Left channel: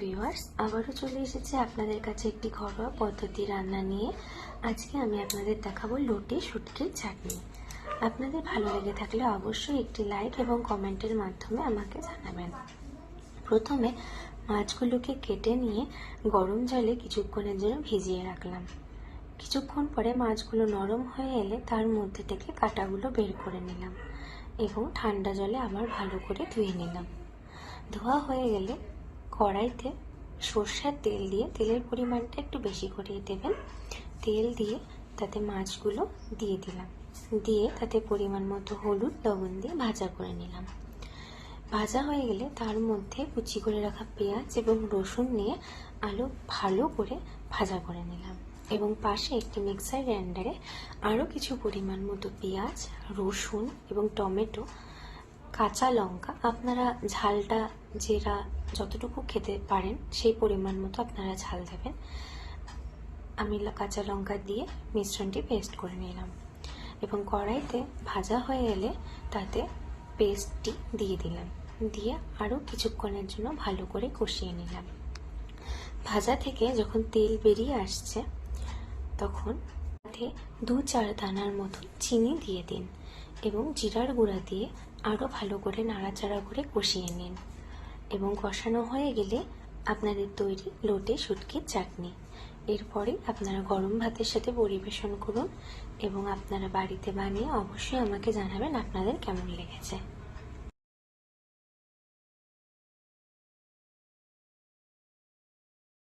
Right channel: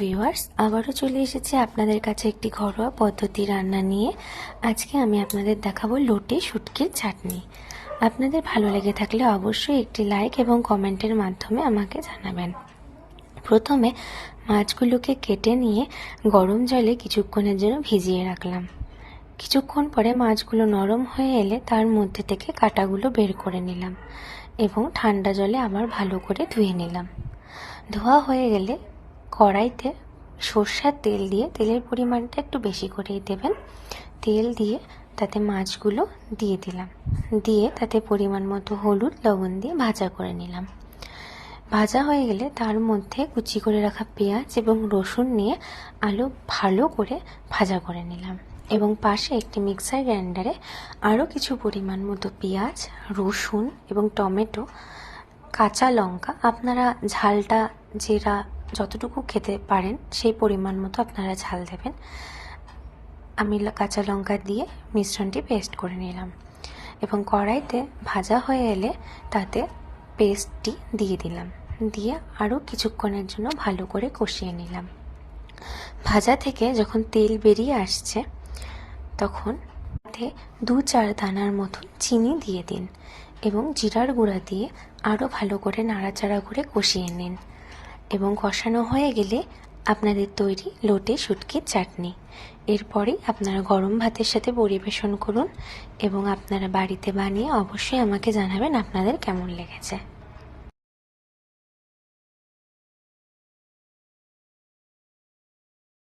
Viewers, আবারও চলে এসেছি আপনাদের কাছে একটি ঘরোয়া পদ্ধতি রান্না নিয়ে। আজকে আমি আপনাদের দেখাবো লোটে শুটকির চাটনি। আপনাদের ভালো লেগে থাকলে অবশ্যই একটি লাইক এবং কমেন্টের মাধ্যমে আমাকে জানাবেন। প্রথমে মাছগুলোকে কেটে নিয়ে গরম জলে কিছুক্ষণের জন্য ভিজিয়ে রাখলাম। কিছুক্ষণ পরে মাছগুলো নরম হয়ে এলে তার মধ্যে থেকে কাঁটাগুলো বের করে নিলাম এবং ঠান্ডা জলে আবার ভালো করে ধুয়ে নিলাম। ধোয়া হয়ে গেলে কড়াইতে সরষের তেল দিয়ে, তেলের পরিমাণটা একটু বেশি করেই দেবেন। তেল দিয়ে তাতে মাছগুলো দিয়ে দিলাম, দিয়ে তাতে পরিমাণ মতো হলুদ লবণ দিয়ে ভাজা করে নিলাম। ভাজা হয়ে গেলে তার মধ্যে কুচি করে রাখা পেঁয়াজ এবং রসুন নিয়ে আলু ভালো করে ভাজা করে নিলাম এবং পাশে একটি মিক্সার গ্রাইন্ডারে আরও কিছু পরিমাণ মতো পেঁয়াজ, রসুন এবং টমেটো, কাঁচা লঙ্কা, আপনারা ঝালটা যেটা যতটুকু খেতে পারেন সেই পরিমাণ মতো আপনারা ঝাল দেবেন। আমি কাঁচা লঙ্কা দিয়ে মিশ্রণটি পেস্ট করে নিলাম এবং কড়াইতে ভাজা হয়ে এলে তাতে পেস্টটি দিয়ে দিলাম, দিয়ে আরও কিছুক্ষণের জন্য ভালো করে কষিয়ে নিলাম। ভাজা থেকে যখন তেল বেরিয়ে আসছে তখন তাতে 2-4 দানার মতন চিনি দিয়ে দিন এবং জিরার গুঁড়া দিয়ে আরও ভালো করে নাড়াচাড়া করে কষিয়ে নিন এবং কষানো হয়ে গেলে আপনাদের তৈরি লোটে শুটকির চাটনি। এরপরেই আপনারা গরম ভাতের সাথে পরিবেশন করুন এবং আপনারা বাড়িতে বানিয়ে অবশ্যই আমাকে জানাবেন আপনাদের কেমন লেগেছে।